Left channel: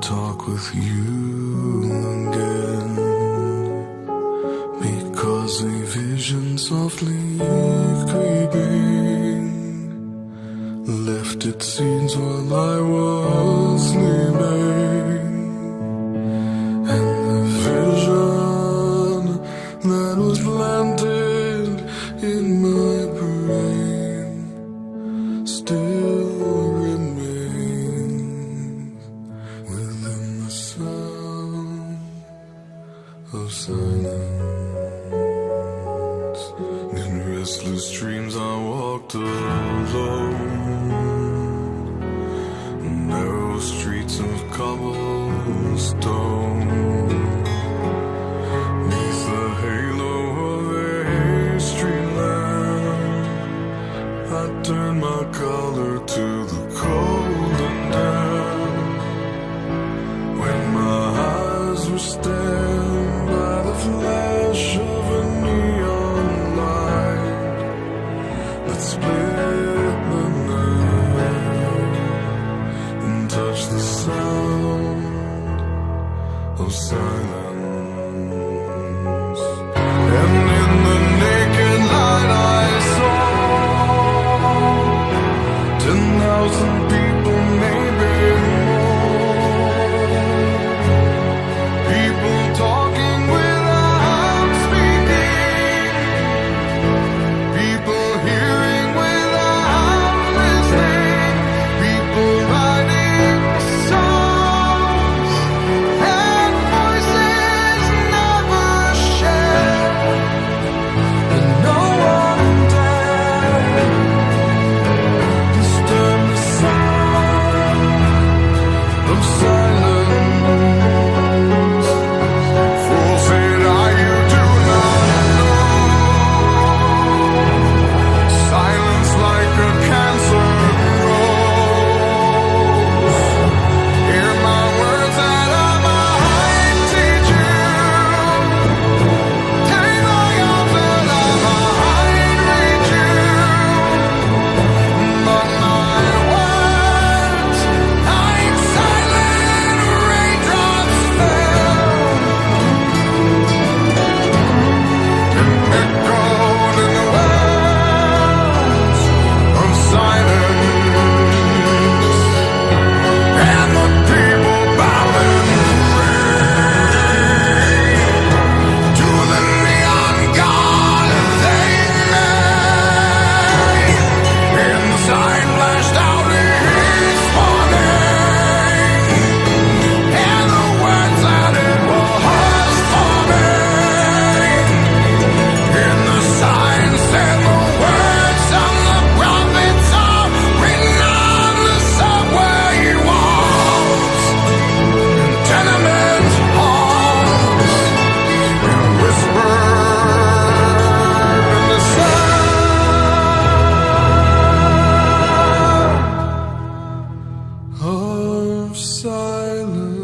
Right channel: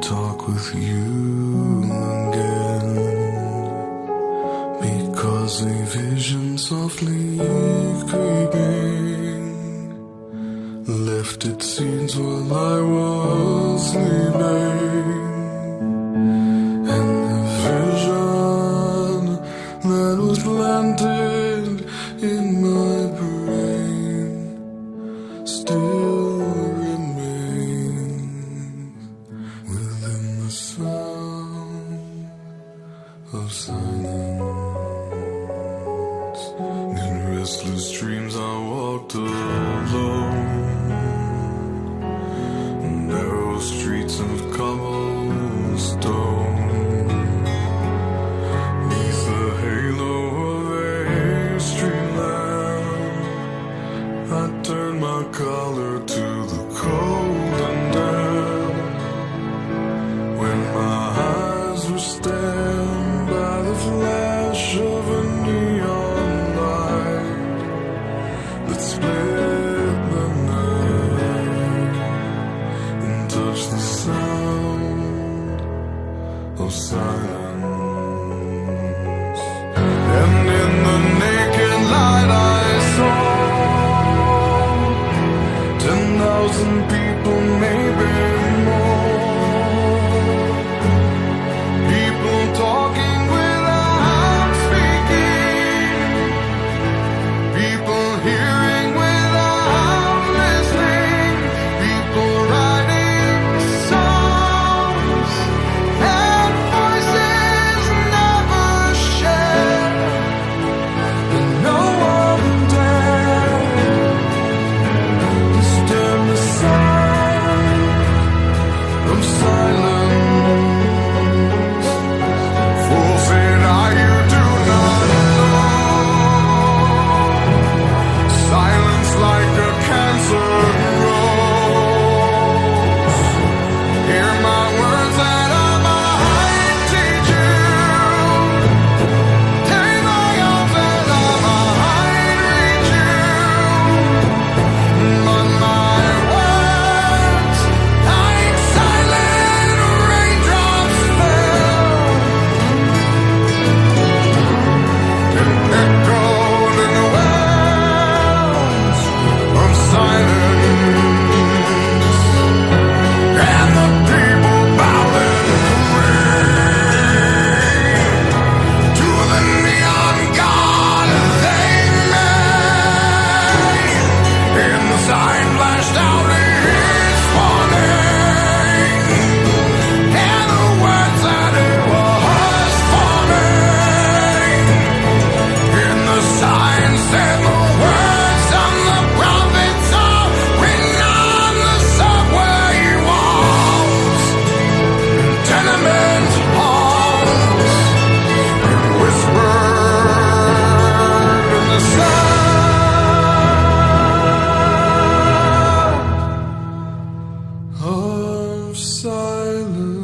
talk with you again, because a vision softly creeping left its seeds while I was sleeping, and the vision that was planted in my brain still remains within the sound of silence. In restless dreams I walked alone, narrow streets of cobblestone, neath the halo of a street lamp. I turned my collar to the cold and damp, when my eyes were stabbed by the flash of a neon light that split the night and touched the sound of silence. And in the naked light I saw 10,000 people, maybe more. People talking without speaking, people hearing without listening, people writing songs that voices never share, and no one dared disturb the sound of silence. Fool said I, you do not know. Silence like a cancer grows. Hear my words that I might teach you. Take my arms that I might reach you. But my words, like silent raindrops, fell and echoed in the wells of silence. And the people bowed and prayed to the neon god they made, and the sign flashed out its warning, and the words that it was forming. And the sign said the words of the prophets are written on the subway walls, in tenement halls, and whispered in the sound of silence.